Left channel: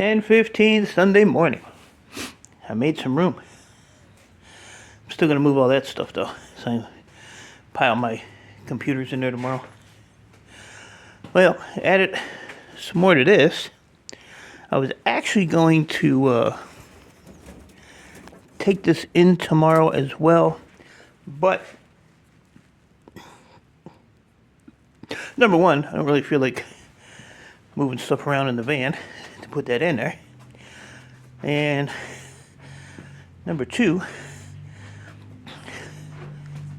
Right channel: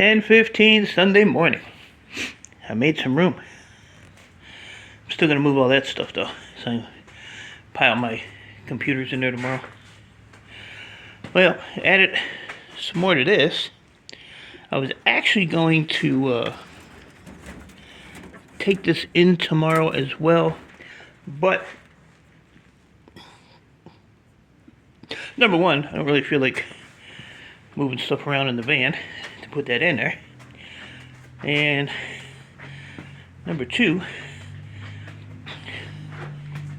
10:15 Sunday morning. I made some room. I'm still gonna move all that stuff though. So I pile my computers in there tomorrow. Well, added some more to this. I was actually going to take this in tomorrow as well, but number one, I don't really feel like moving stuff around in the van to put that in there. And number two,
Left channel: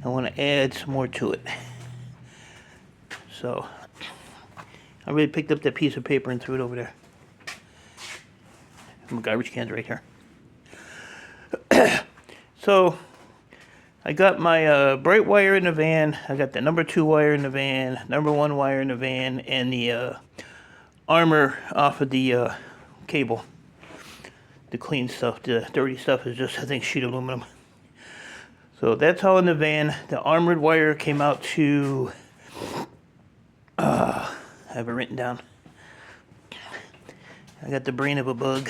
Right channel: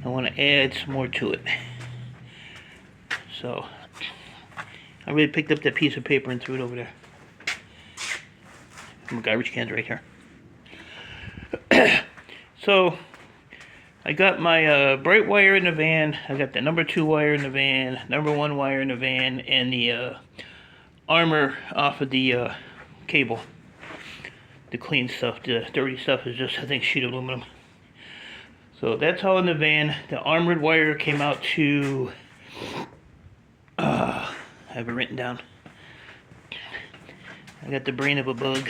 I want to add some more to it. So I really picked up that piece of paper and threw it over there. My garbage can's right here. So I got my bright wire in the van. I got the number 2 wire in the van, number 1 wire in the van, and the armor off of the cable. The clean stuff, the dirty stuff is just, I think, sheet aluminum. So that's all in the van. The armored wire came out to, I have it written down. I got the brain of a bug,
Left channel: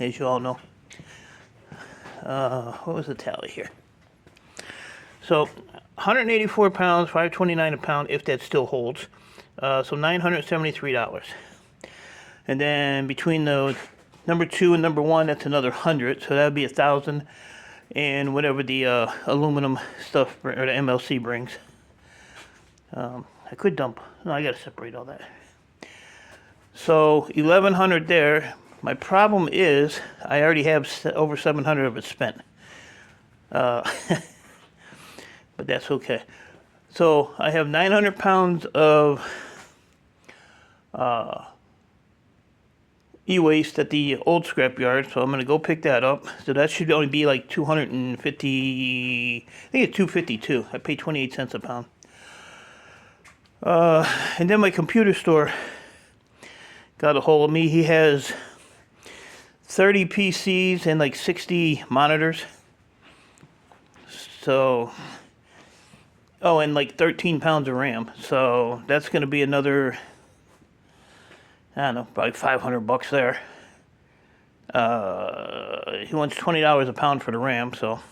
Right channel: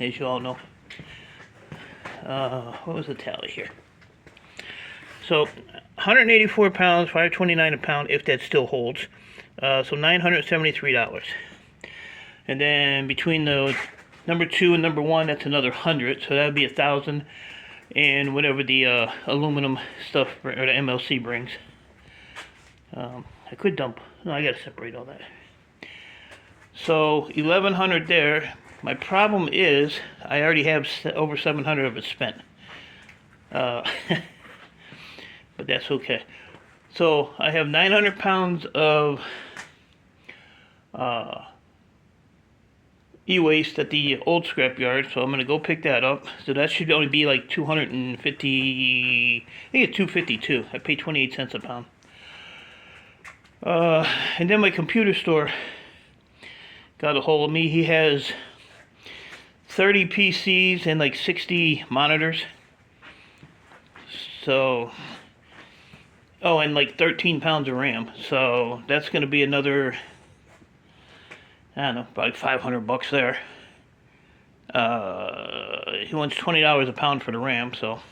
as you all know. What was the tally here? So 184 pounds, $5.29 a pound, if that still holds. So $973. And then between the number 2 and number 1, that's another 100. So that would be 1,000. And whatever the aluminum stuff or the MLC brings. I could dump. No, I gotta separate all that. So 1,100 there. My problem is I already have over 700 of it spent. But that's okay. So I have 900 pounds of e-waste at the old scrap yard, so I'm going to go pick that up. So that should only be like 250, I think it's 252. I pay 28 cents a pound. And then my computer store got a hold of me. He has 30 PCs and like 60 monitors. So, oh, and like 13 pounds of RAM. So that's going to be another, I don't know, probably $500 there. He wants $20 a pound for the RAM, so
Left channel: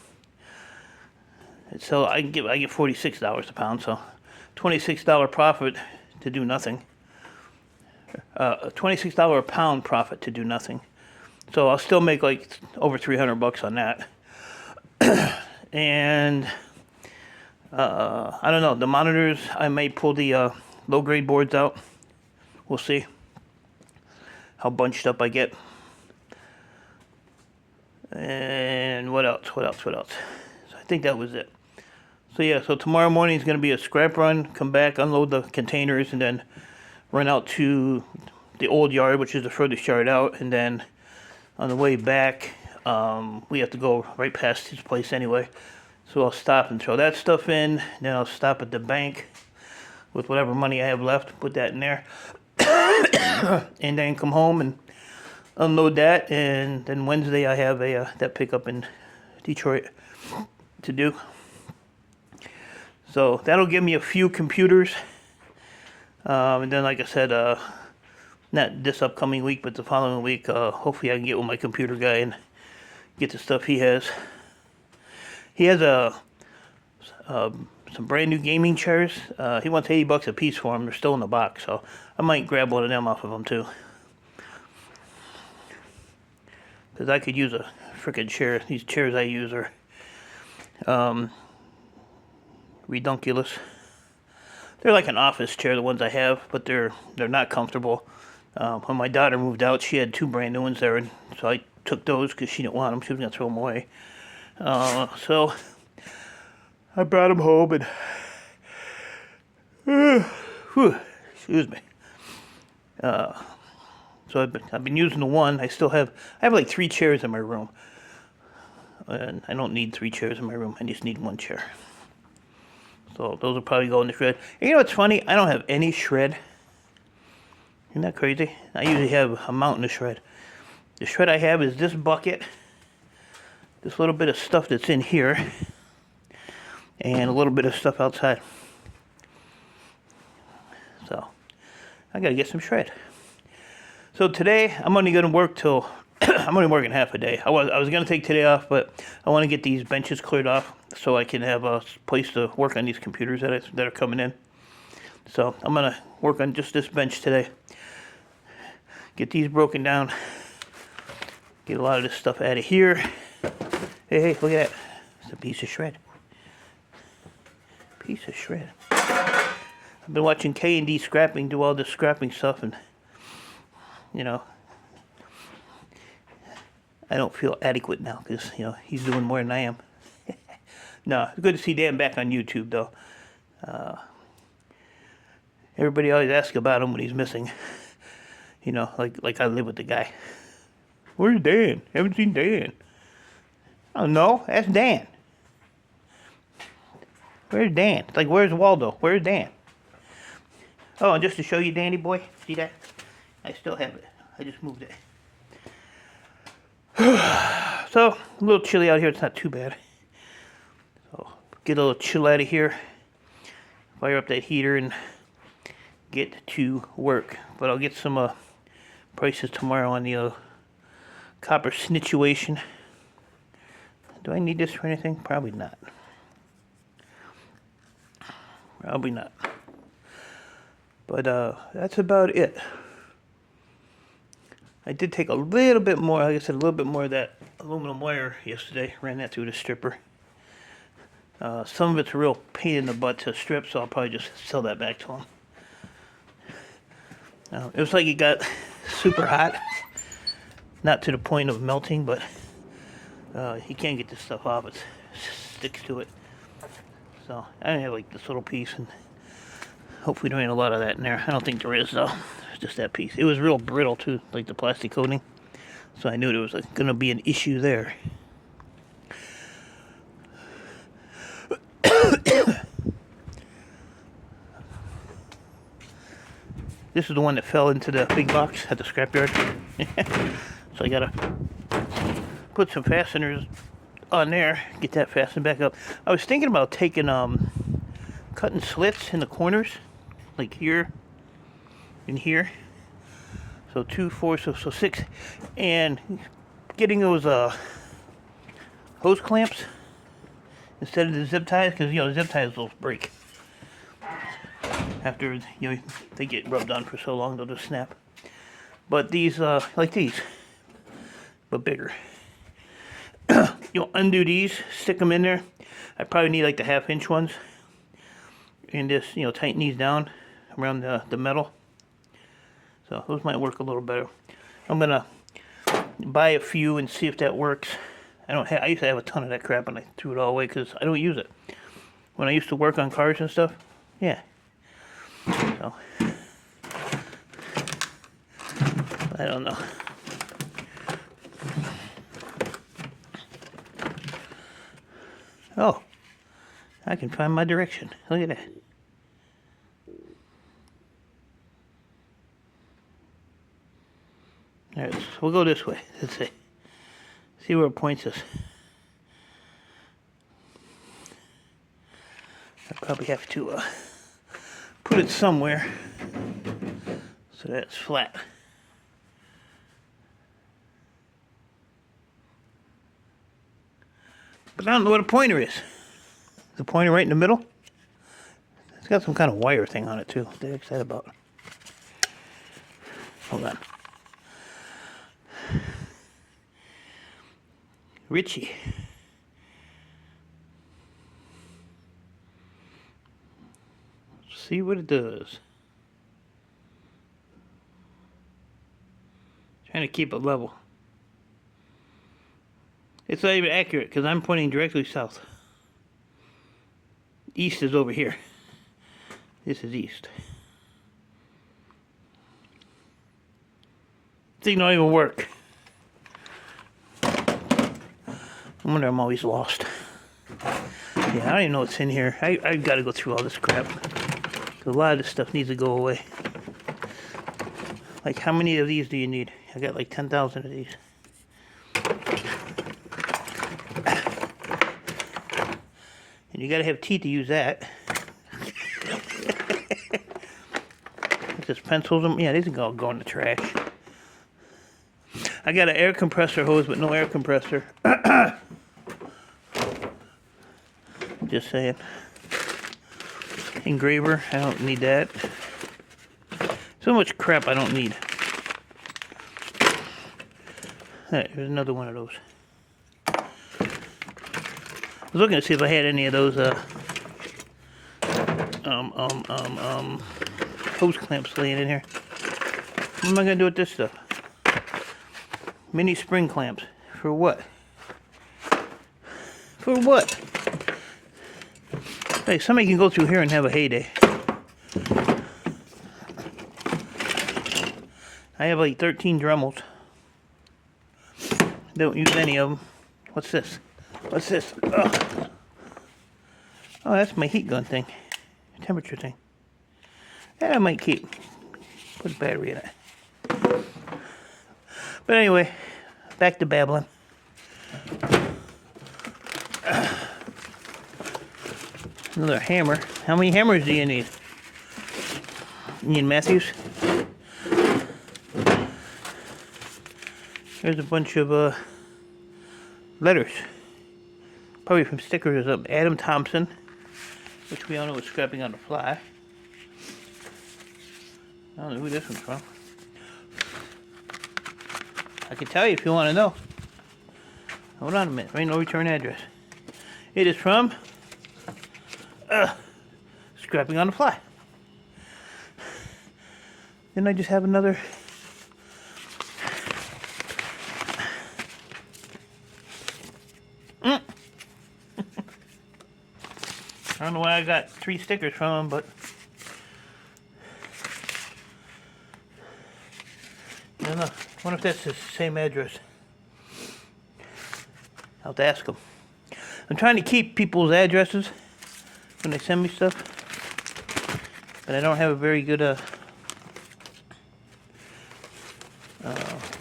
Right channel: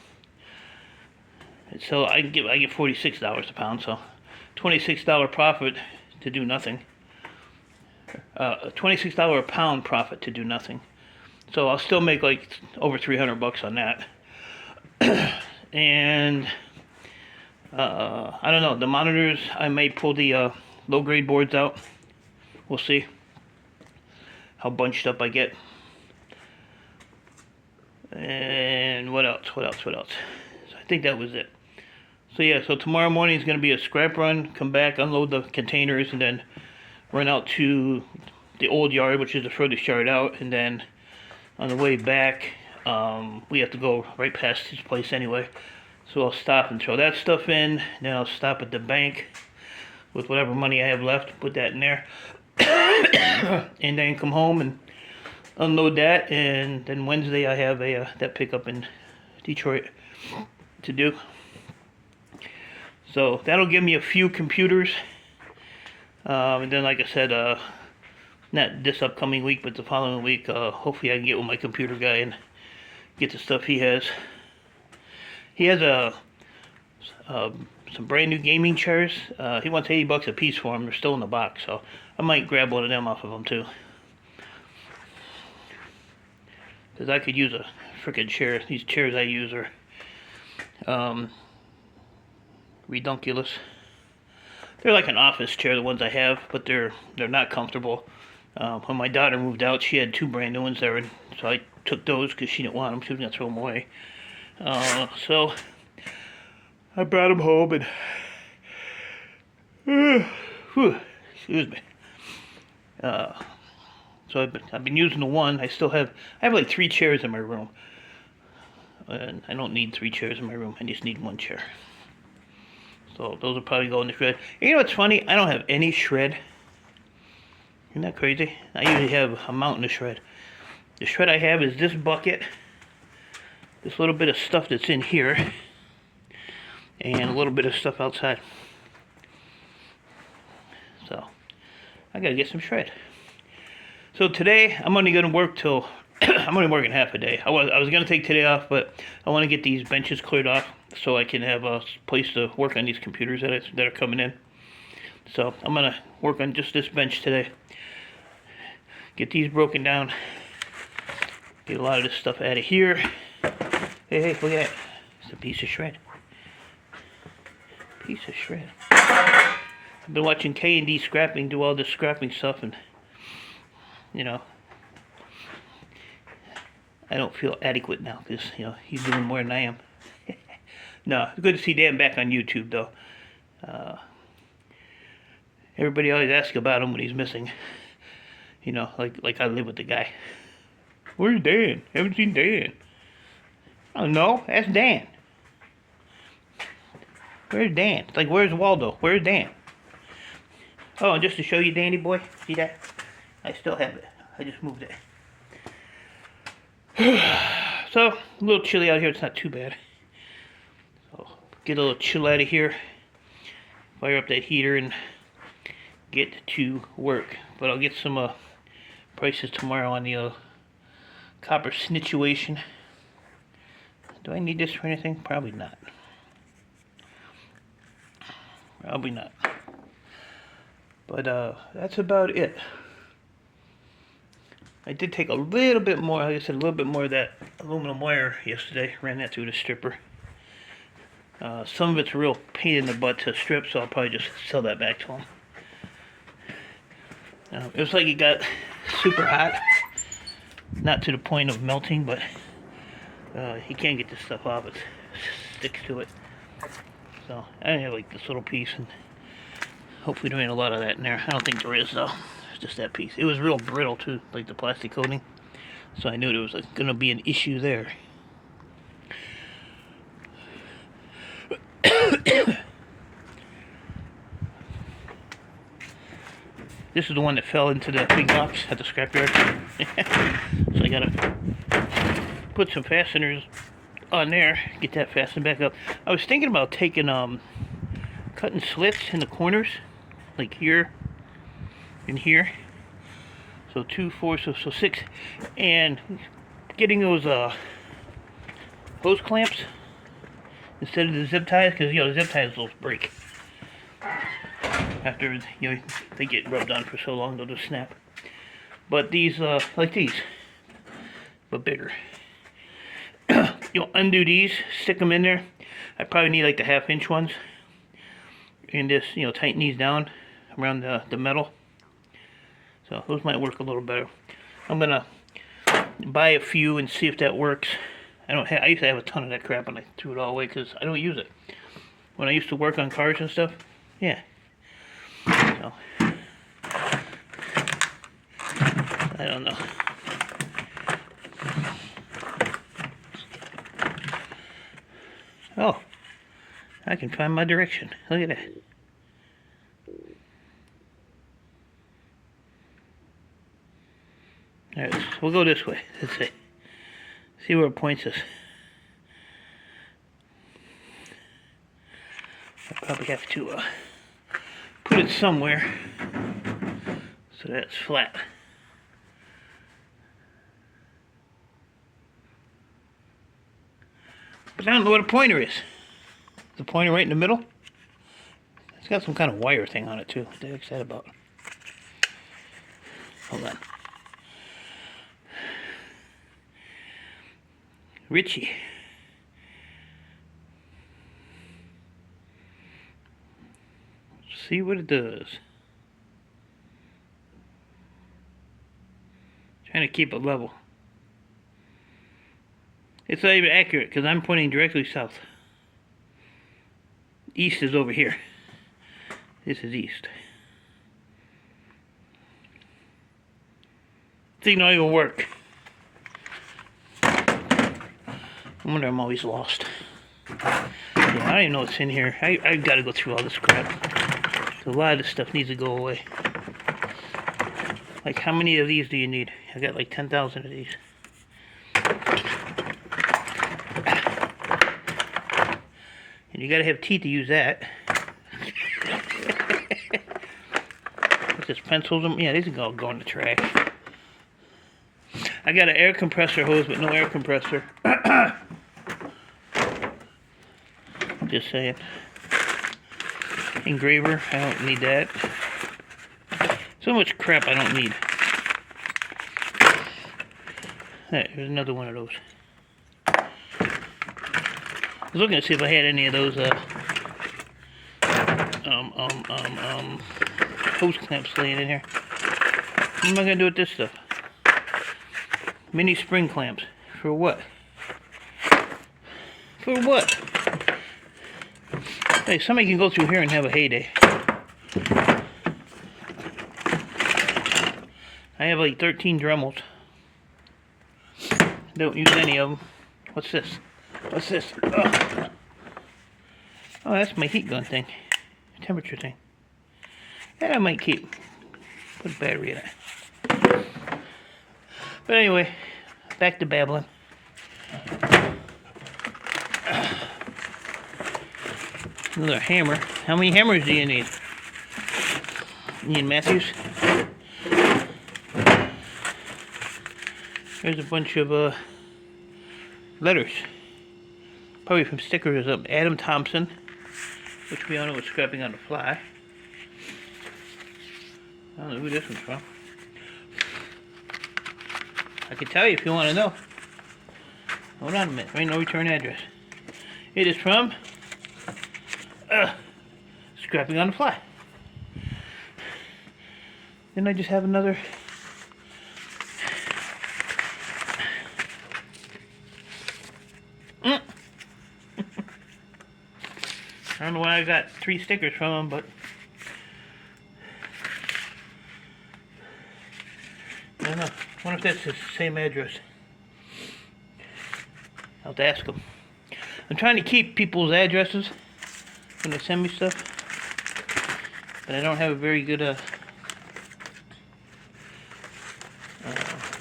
I get $46 a pound, so $26 profit to do nothing. $26 a pound profit to do nothing. So I'll still make like over $300 on that. And I don't know, the monitors, I may pull the low grade boards out. We'll see how bunched up I get. And what else? So I think that was it. So yeah, so tomorrow morning is going to be a scrap run, come back, unload the containers, and then run out to the old yard, which is the furthest yard out, and then on the way back, we have to go right past his place anyway. So I'll stop and throw that stuff in, then I'll stop at the bank with whatever money I have left, put that in there. And then come home and unload that, and then Wednesday I have that pickup in Detroit to do. So that'll give me a few computers, and then like I said, not this upcoming week, but the following week, hopefully I can get with my computer guy and get the stuff he has. He has some brand new gaming chairs. He wants $80 a piece for them. They're still in the box, so I might grab one of them off of him too. Because I could use a freaking chair. These chairs I use are redunculous. They're like an office chair, the ones I have, but they're not comfortable. When my daughter moved out, she had 2 brand new ones there, and so I took those because she didn't want them. She was going to throw them away. So I brought them home, and excuse me. So I've been using the one. I have like 3 chairs in my room, and I don't need 3 chairs in my room. I just need 1 chair. So those will probably go in the shred. And you know what's funny? I don't have any shred. Isn't that crazy? I usually have a mountain of shred. The shred I have is this bucket, this little bit of stuff that's in here, and a little bit of stuff outside. So I gotta get some shred. So today I'm only going to work till I'm only working half a day. I was going to take today off, but I want to get these benches cleared off so I can have a place to work on these computers that are coming in. So I'm going to work on just this bench today. Get these broken down. Get a lot of this stuff out of here. Hey, look at that. It's a piece of shred. Piece of shred. I've been watching K&D Scrapping do all this scrapping stuff, and you know, I don't feel adequate now because he's doing more than I am. No, it's good to see Dan back on YouTube though. Everybody always asks about him when he's missing. Like I live with the guy. Where's Dan? Haven't seen Dan. I don't know. That's Dan. Where's Dan? It's like, where's Waldo? Where's Dan? Oh, and just to show you, Danny boy, see that? I still have it. I just moved it. So, a little chilly out here. It's not too bad. So, get a little chill out of here. Fire up that heater and get to work. But I'll get some prices tomorrow on the copper situation. Do I need this for anything? Probably not. Probably not. But that's about it. I did take a little bit more, like I said, a little bit more of that aluminum wire yesterday. Ran that through the stripper. Some of it's a real pain in the butt to strip, so I'll probably just sell that back to him. It was like it got super hot. Not to the point of melting, but he can't get this stuff off. It sticks to it. So I have like this little piece, and hopefully there ain't a lot of that in there. I don't think there is though. It's just that piece. It was real brittle too, like the plastic coating. So I knew there was going to be an issue there. This is the one that fell into the big box at the scrapyard. So I gotta put some fasteners on there, get that fastened back up. I was thinking about taking cutting slits in the corners, like here and here. So 2, 4, so 6, and getting those hose clamps instead of the zip ties, because the zip ties will break after they get rubbed on for so long, they'll just snap. But these like these, but bigger. You'll undo these, stick them in there. I probably need like the 1/2-inch ones, and just tighten these down around the metal. So those might work a little better. I'm gonna buy a few and see if that works. I used to have a ton of that crap, and I threw it all away because I don't use it. When I used to work on cars and stuff, yeah. So I don't know. Oh, I can find my direction. Look at that. Alright, so we'll go this way. Let's see where it points us. I probably have to put it somewhere so that it's flat. But I don't know what a pointer is. The pointer right in the middle? It's got some kind of wire thing on it too. What the heck's that about? Hold on. Richie. Let's see what it does. Trying to keep it level. It's not even accurate because I'm pointing directly south. East is over here. This is east. Thing don't even work. I wonder I'm always lost. Yeah, I don't even know what's in here. I've got to go through all this crap. A lot of this stuff needs to go away. Like, how many of these do you need? I got like 10,000 of these. And you gotta have teeth to use that. Just pencils them. Yeah, these can all go in the trash. I got an air compressor hose, but no air compressor. Just saying. Engraver, I don't need that. So much crap I don't need. Alright, there's another one of those. I was looking to see if I had any of those hose clamps laying in here. What am I gonna do with this stuff? Mini spring clamps. For what? For what? Hey, somebody can go through here and have a heyday. I have like 13 Dremels. Don't use any of them. What's this? What's this? Oh, that's my heat gun thing. Temperature thing. That I might keep. Put a battery in it. But anyway, back to babbling. Another hammer. How many hammers do you need? Ian Matthews. Here's a bunch of letters. Probably from stickers of Adam Thompson, which we all know was scrapping on the fly. I don't know who this one's from. I can tell you if you want to know. Hold on a minute. Right, no return address. It is from scrapping on the fly. Then I just have another. I don't know why I got 3 stickers from them, but I don't know. I wonder if that's the same address. I'll have to ask them. I'm trying to keep people's addresses when they send me stuff, but I don't have a very good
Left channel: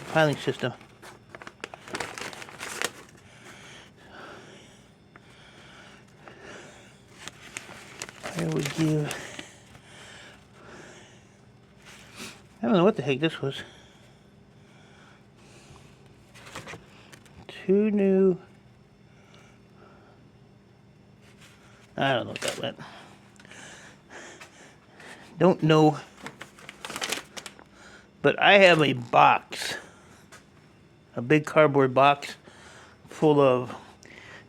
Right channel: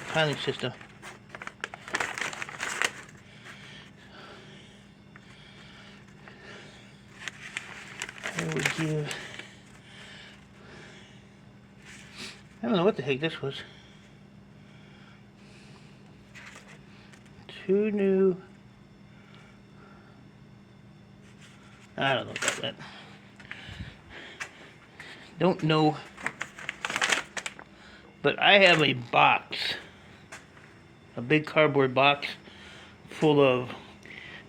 filing system. I would give. I don't know what the heck this was. 2 new. I don't know about that. Don't know. But I have a box. A big cardboard box full of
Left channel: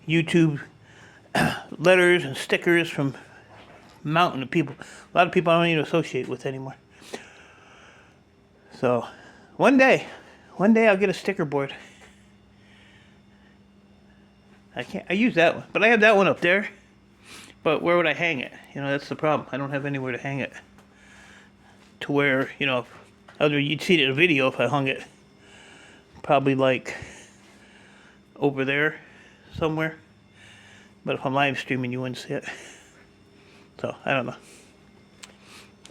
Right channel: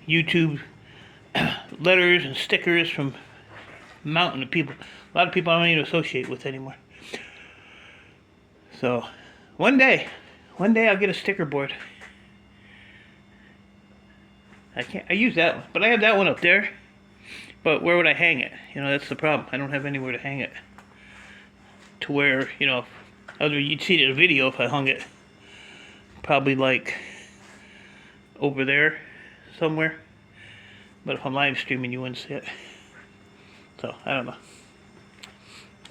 YouTube letters and stickers from a mountain of people. A lot of people I don't even associate with anymore. So, one day I'll get a sticker board. I use that one, but I have that one up there. But where would I hang it? You know, that's the problem. I don't have anywhere to hang it. To where, you know, you'd see it in a video if I hung it. Probably like over there somewhere. But if I'm live streaming, you wouldn't see it. So, I don't know.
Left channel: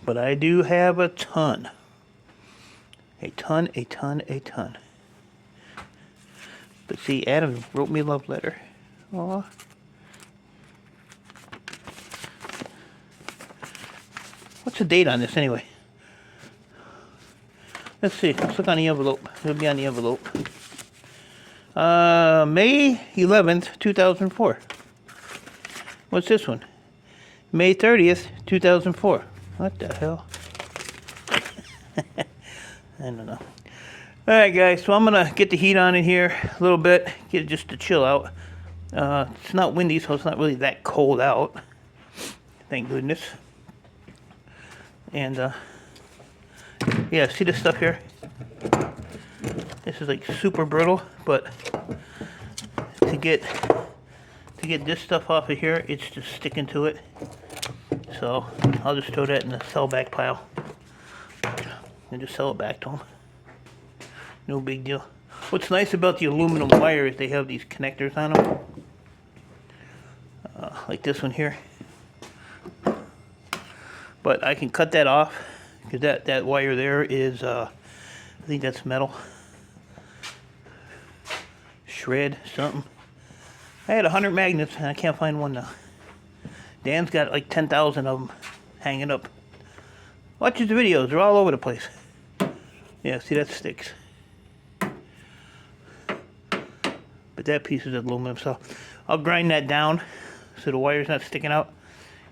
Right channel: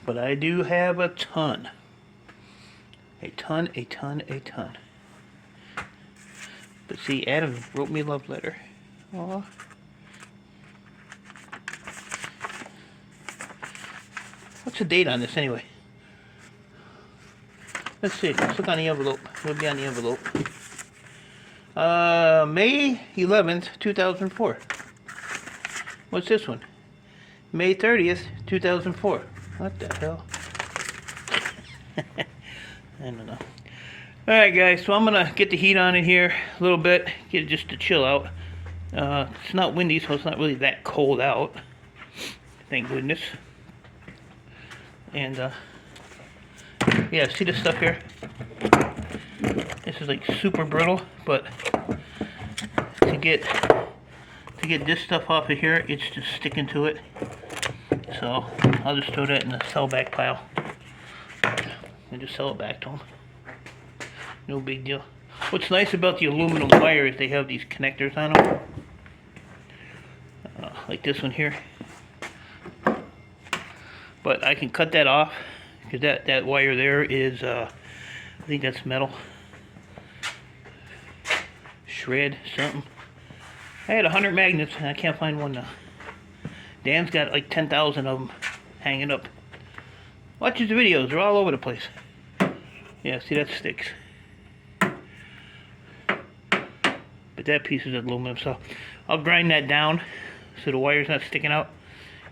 But I do have a ton. A ton. But see, Adam wrote me a love letter. Aww. What's the date on this anyway? Let's see. Let's look on the envelope. It'll be on the envelope. May 11th, 2004. What's this one? May 30th, 2004. What the hell? I don't know. Alright guys, so I'm going to get the heat on in here a little bit. Get it just to chill out. It's not windy, so it's not really that cold out. Thank goodness. And, yeah, see this stuff here? This is like super brittle, but to get this stuff off of here, it's just sticking to it. So I'll just throw that in the sell back pile and just sell it back to them. No big deal. What's nice about the aluminum wire is they have these connectors on them, like this one here. But I can cut that off because that wire there is, I think that's metal. Shred something. I had 100 magnets and I can't find one now. Dan's got like 10,000 of them hanging up. Watch his videos, they're all over the place. Yeah, see, that sticks. but that piece is aluminum. So I'll grind that down so the wire's not sticking out,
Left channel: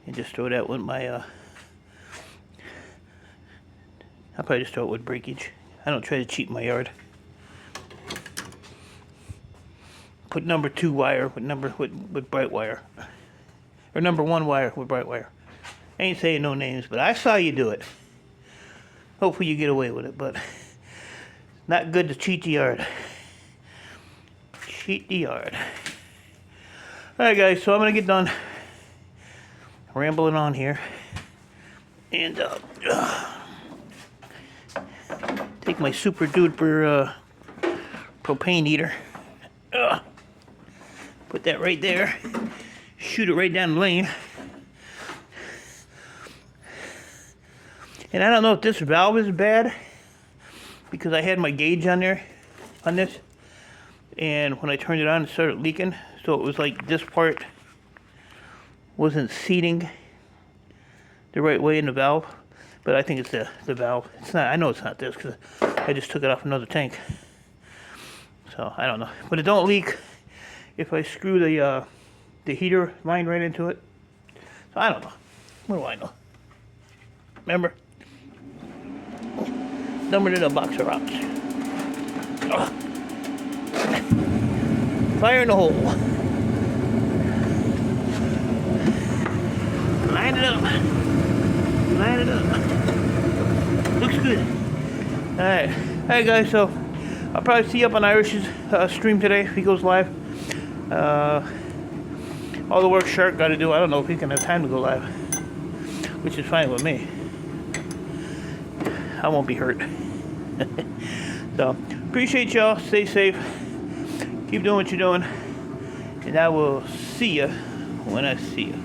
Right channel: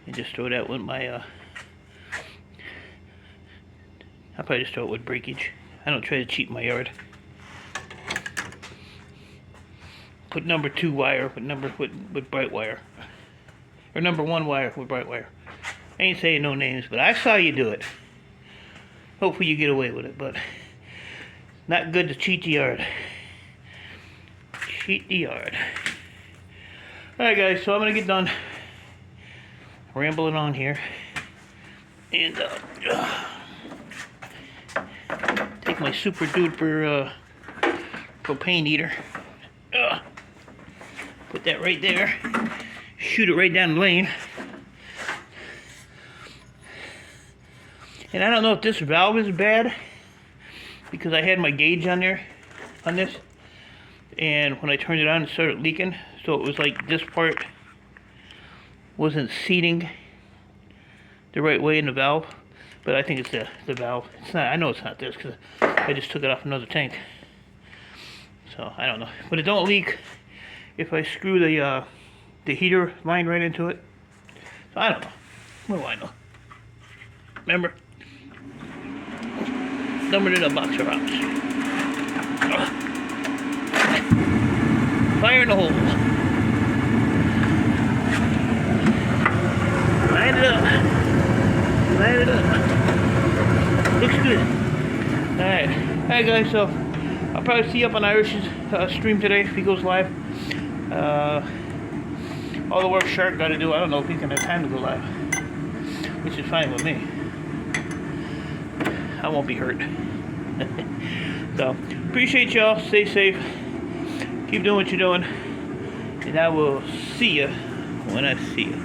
and just throw that with my I'll probably just throw it with breakage. I don't try to cheat my yard. Put number 2 wire with bright wire, or number 1 wire with bright wire. I ain't saying no names, but I saw you do it. Hopefully you get away with it, but not good to cheat the yard. Cheat the yard. Alright guys, so I'm gonna get done rambling on here, and take my super duper propane heater, put that right there, shoot it right down the lane. And I don't know if this valve is bad, because I had my gauge on there, on this, and when I turned it on it started leaking, so it was like this part wasn't seating the right way in the valve. But I think it's the valve. It's not. I know it's not this, because I just took it off another tank. So I don't know, but it don't leak if I screw the heater line right into it. So I don't know. What do I know? Remember, numbered in a box of rocks. Fire in the hole. Line it up. Line it up. Looks good. Alright. Alright guys, so I'll probably see you up on Irish's stream today if he goes live. All the work Shark got to do, I don't know if he's going to have time to go live, which is fine with me. I won't be hurt. So, appreciate y'all. Stay safe. Keep doing what you're doing. And I will see you when I see you.